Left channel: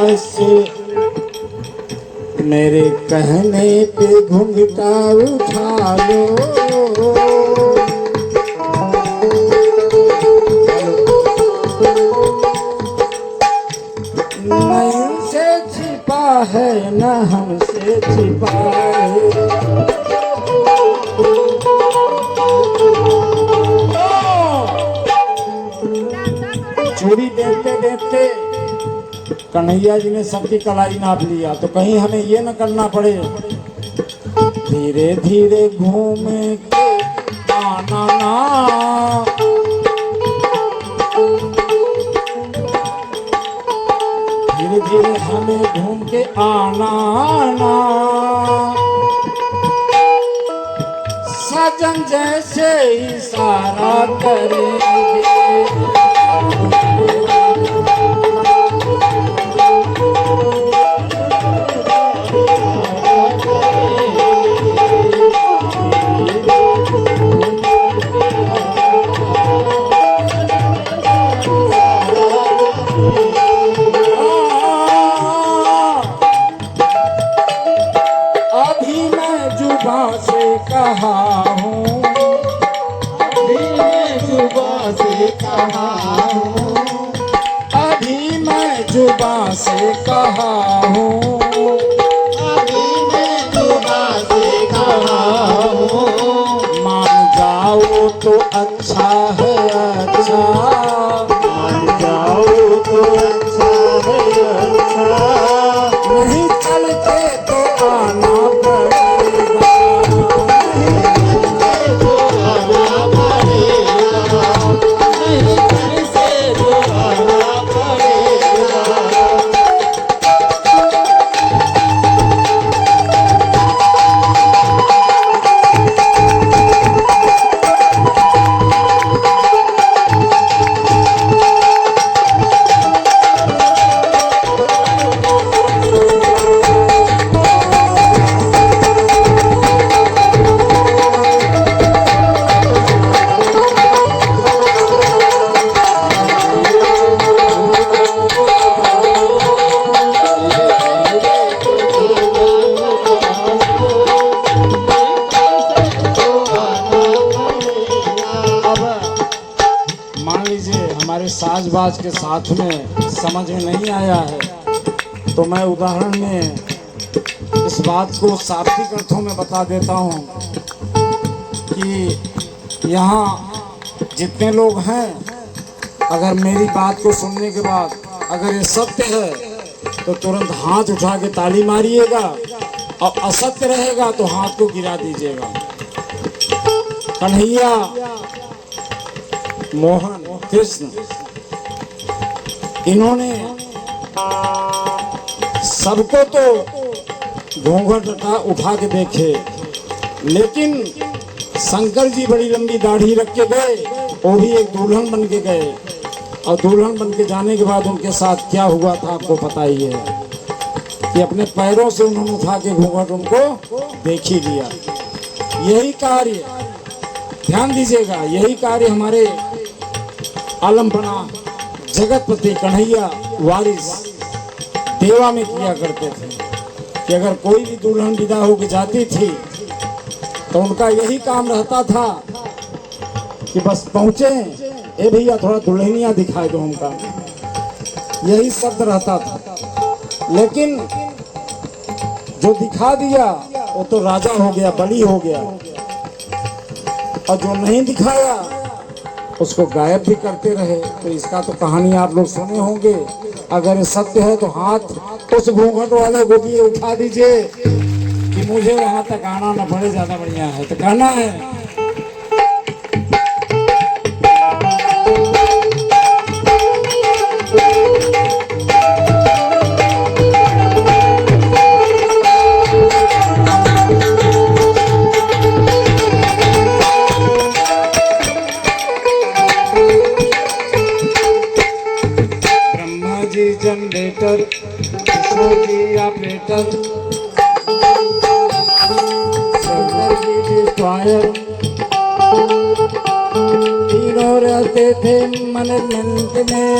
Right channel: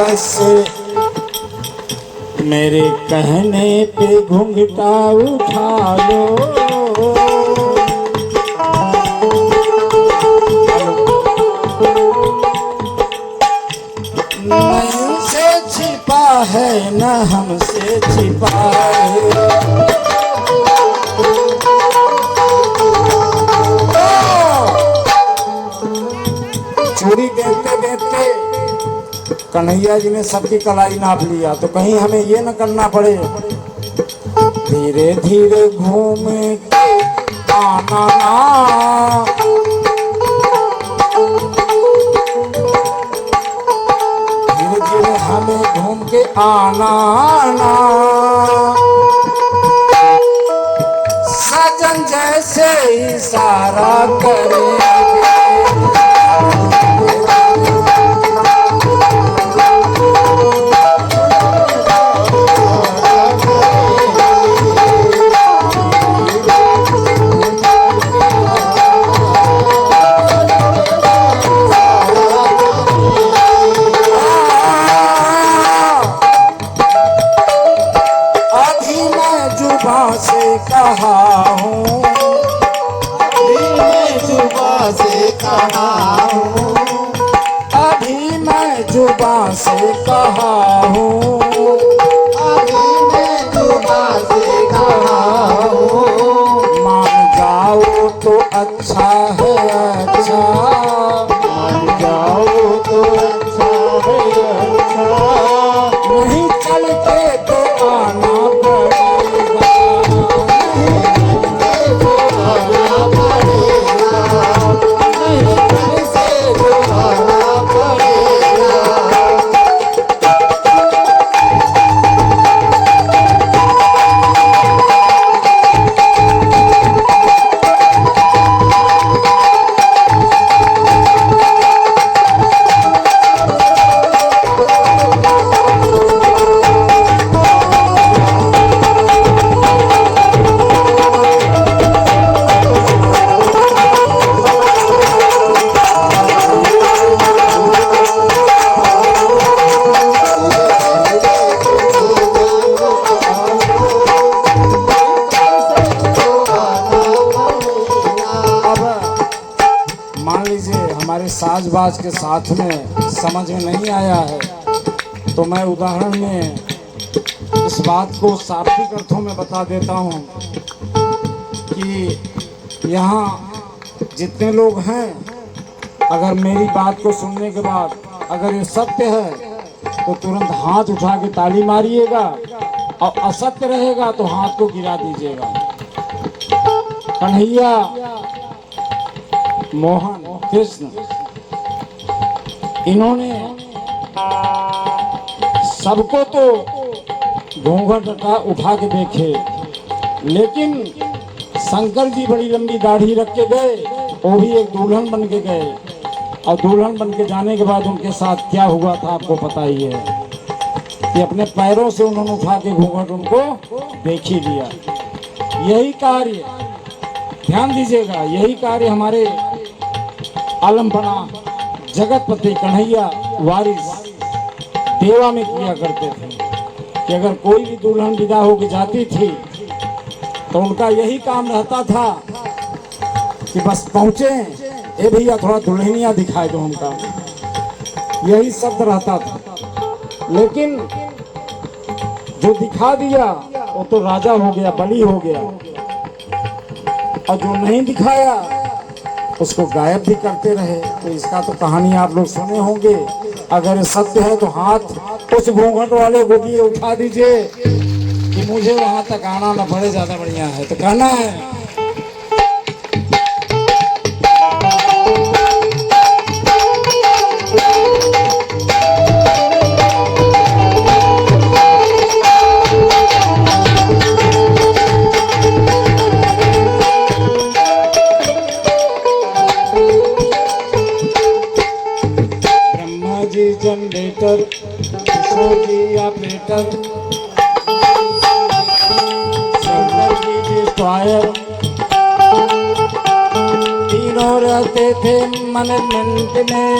बस मेरे कहने पे घूंघटा उठा लो। नहीं से छिपा है न हमसे छिपा है। चूड़ी देखते देखते कन्हैया जी ने सबकी कलाई नाप लिया, तो कहीं हमें ये न करना पड़े धीरे धीरे घूमे आना ना। धीरे धीरे हमें घूम के आना ना। सजन जैसे इशारा करे कहा हूँ, मैं जुबां से कहा हूँ, अभी मैं जुबां से कहा हूँ, अभी मैं जुबां से कहा हूँ। मान जाओ तो अच्छा है अच्छा, मान जाओ तो अच्छा है अच्छा, नहीं चलते तो आना पड़ेगा। साजबाज के साथ में समझ में नहीं आया है, तो मैं उदाहरण में इस बात को शाब्दिक अर्थों में बता देता हूँ कि यहाँ जितने लोग हैं, अगर मेरी बात को सुनने के बाद अगर ये सत्य है तो तुरंत हाथ उठा के ताली मारिएगा, और असत्य रहेगा तो हाथ को गिरा दीजिएगा। कन्हैया, मोहन, कृष्ण, इन्होंने सबको तो घूंघट उठा के देखे, लेकिन शंकर जी बड़ी लंबी दाढ़ी रख के गए, वो भी एक दुल्हन बन के गए, और दुल्हन बन के जाने के बाद उनके साथ क्या हुआ था आपको पता ही है कि अपने पैरों से उन्होंने उठा के घूंघट उनको देख ही लिया। यही कार्य, ध्यान दीजिएगा, यही कार्य हमारे आलमपना जगतपति कन्हैया वारिस देवा में किया करते थे कि अगर कोई भी दुल्हन विदा होकर जाती थी तो उनका यही काम रहता था कि बस पहुंचे, ए भैया थोड़ा दुल्हनिया दिखाई दो हमका, यही शब्द रहता था। लेकिन जो दिखा दिया वो तो राजा हो गया, बली हो गया, और जो नहीं दिखाया उसको गायब भी करते रहे। तो इसका तो कहानी आप लोग सुने होंगे। अगर सत्य है तो हाथ उस घूंघट वाले को भी उठा दीजिए कि मुझे वहां तक आना न पड़े, ज्यादा बढ़िया है। तो कहना है जनरेटर, जी ऑपरेटर, शंकर जी डिस्ट्रॉयर, तीनों रहते थे मैनेजमेंट में।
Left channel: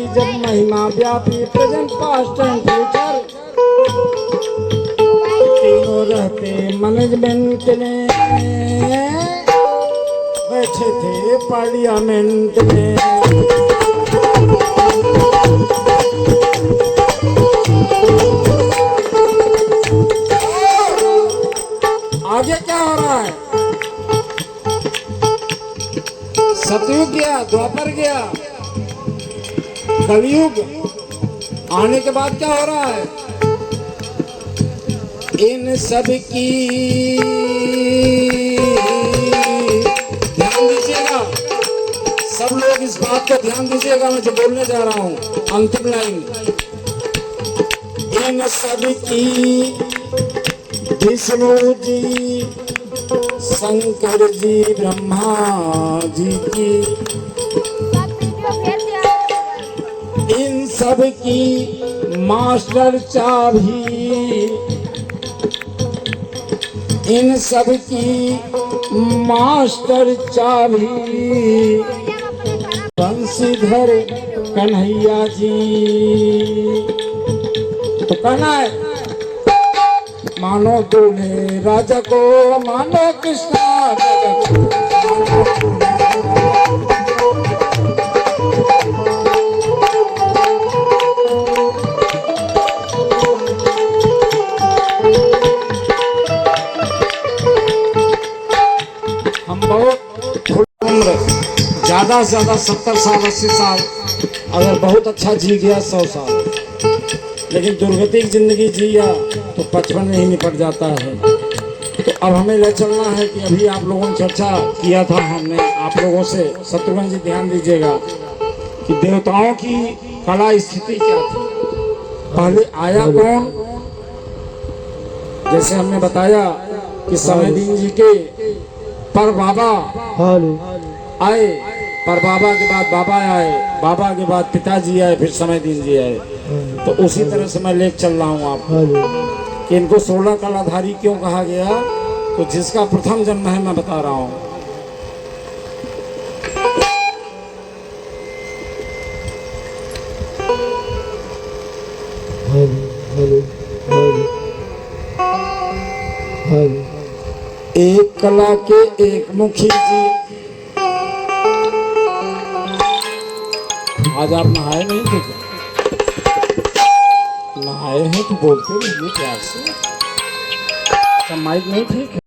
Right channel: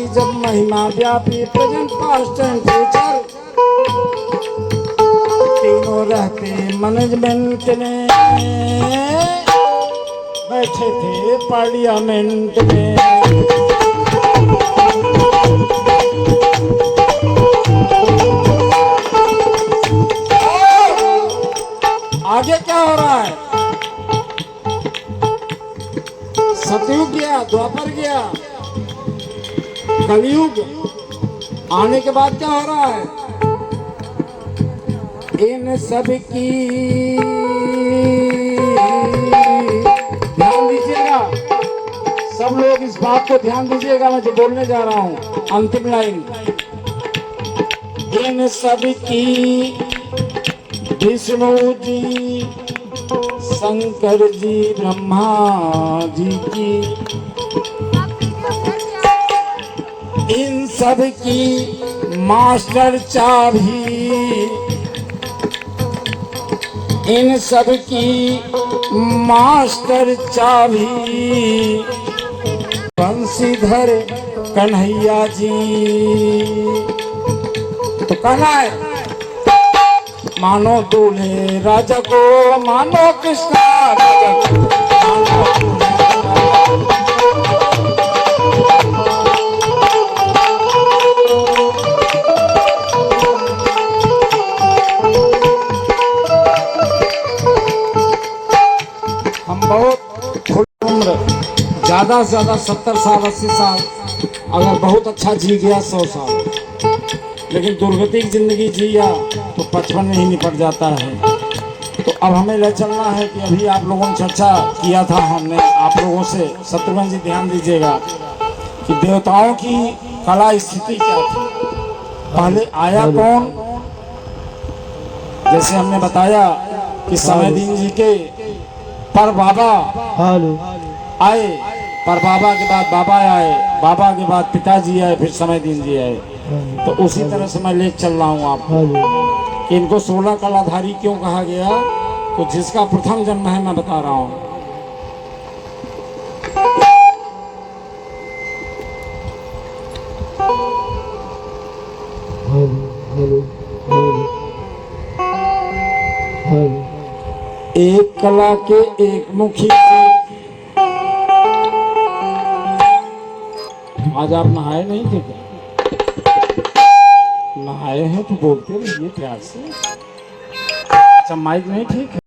की जब महिमा व्यापी प्रेजेंट पास्ट एंड फ्यूचर तीनों रहते मैनेजमेंट में बैठे थे पार्लियामेंट में। आगे क्या हो रहा है? सतयुग गया, द्वापर गया, कलयुग आने के बाद क्या हो रहा है? इन सब की ध्यान दीजिएगा, सब लोग इस बात को ध्यान दीजिएगा, मैं जो बोलने जा रहा हूं अंतिम लाइन। इन सब की विष्णु जी, शंकर जी, ब्रह्मा जी की, इन सब की मास्टर चाबी, इन सब की मास्टर चाबी बंशीधर कन्हैया जी। तो कहना है मानो दूल्हे राजा को, मानो कृष्णा राजा को, हम बहुत उम्र ज्यादा से ज्यादा 70 साल 80 साल, अगर बहुत अच्छा जी गया 100 साल, लेकिन दुर्गति की जिंदगी जिया तो 55 में ही निपट जाता है। तो अब हमें ले चलना है कि अभी आप लोगों ने चर्चा किया था, हमने आप लोगों से, शत्रुघ्न जी ध्यान दीजिएगा कि देवताओं की कला स्थिति क्या थी, पहले आया कौन। जैसे हमने बताया कि समयदीन जी के पर बाबा आए, पर बाबा के बाद बाबा आए, बाबा के बाद पिताजी आए, फिर समयदीन जी आए। तो उसी तरह से मैं लेके चल रहा हूँ आपको कि इनको 16 कलाधारी क्यों कहा गया। तो जिसका प्रथम जन्म है मैं बता रहा हूँ। एक कला के एक मुखी जी। आज आप नहाए नहीं थे क्या? नहाए हैं तो बोलते रहिए प्यार से। माइक नहीं ठीक है।